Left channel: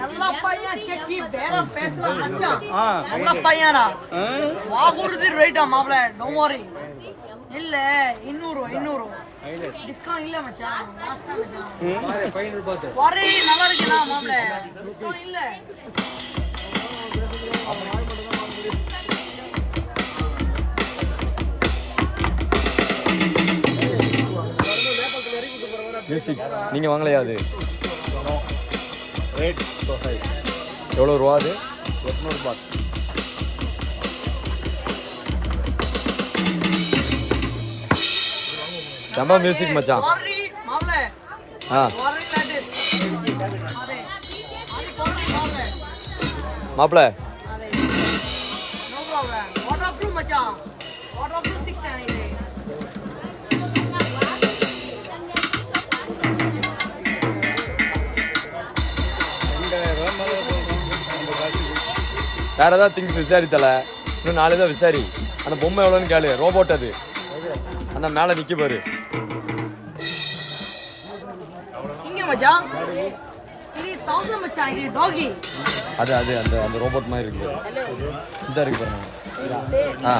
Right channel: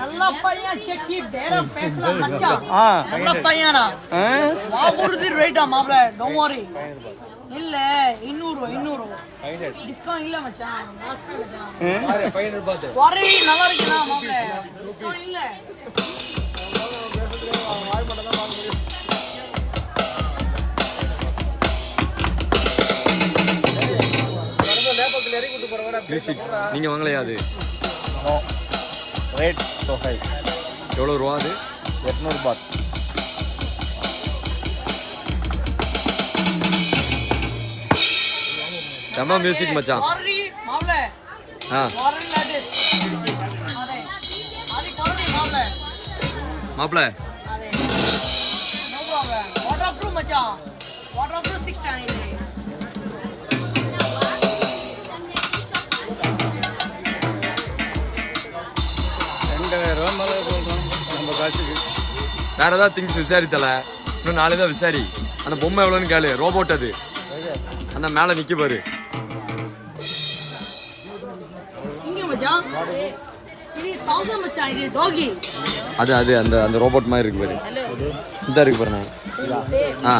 நல்ல பையன் செக்கி பேரம் பேசலாம் மச்சான். நல்ல பையனா? வாகுடுது ரைட்டா மாப்ள டோன்ட் வரி இல்ல இன்னூறு இன்னூறு டிஸ்கவுண்ட் இல்ல மச்சான். லாஸ்ட் மச்சான். வரி நல்லா இருக்குண்ணா மாப்ள டிஸ்கவுண்ட் இல்ல. மியூசிக் நீங்கள் வாங்கலையா அது? ரேட் சொசைட் எவ்வளோ ரூபா அது? எட்நூறு பாத் செம்ம மியூசிக் மச்சான். ஆ. மாப்பிள்ள வாட்டர் ப்ரூஃப் மச்சான். வாட்டர் ப்ரூஃப் சிக்ஸ் வேற ஏதாவது திங்ஸ் விசாரித்தல? இன்னும் நாளை தான் விசாரி. அந்த பொம்மை எவ்வளோன்னு கேளு. ரோபோட் அது. அந்த மேலே நிற்க பாரு. அது அது அந்த அந்த ரோபோட் மாதிரி இருக்கு பாரு. இந்த இருக்கு பாரு. நான் ஆ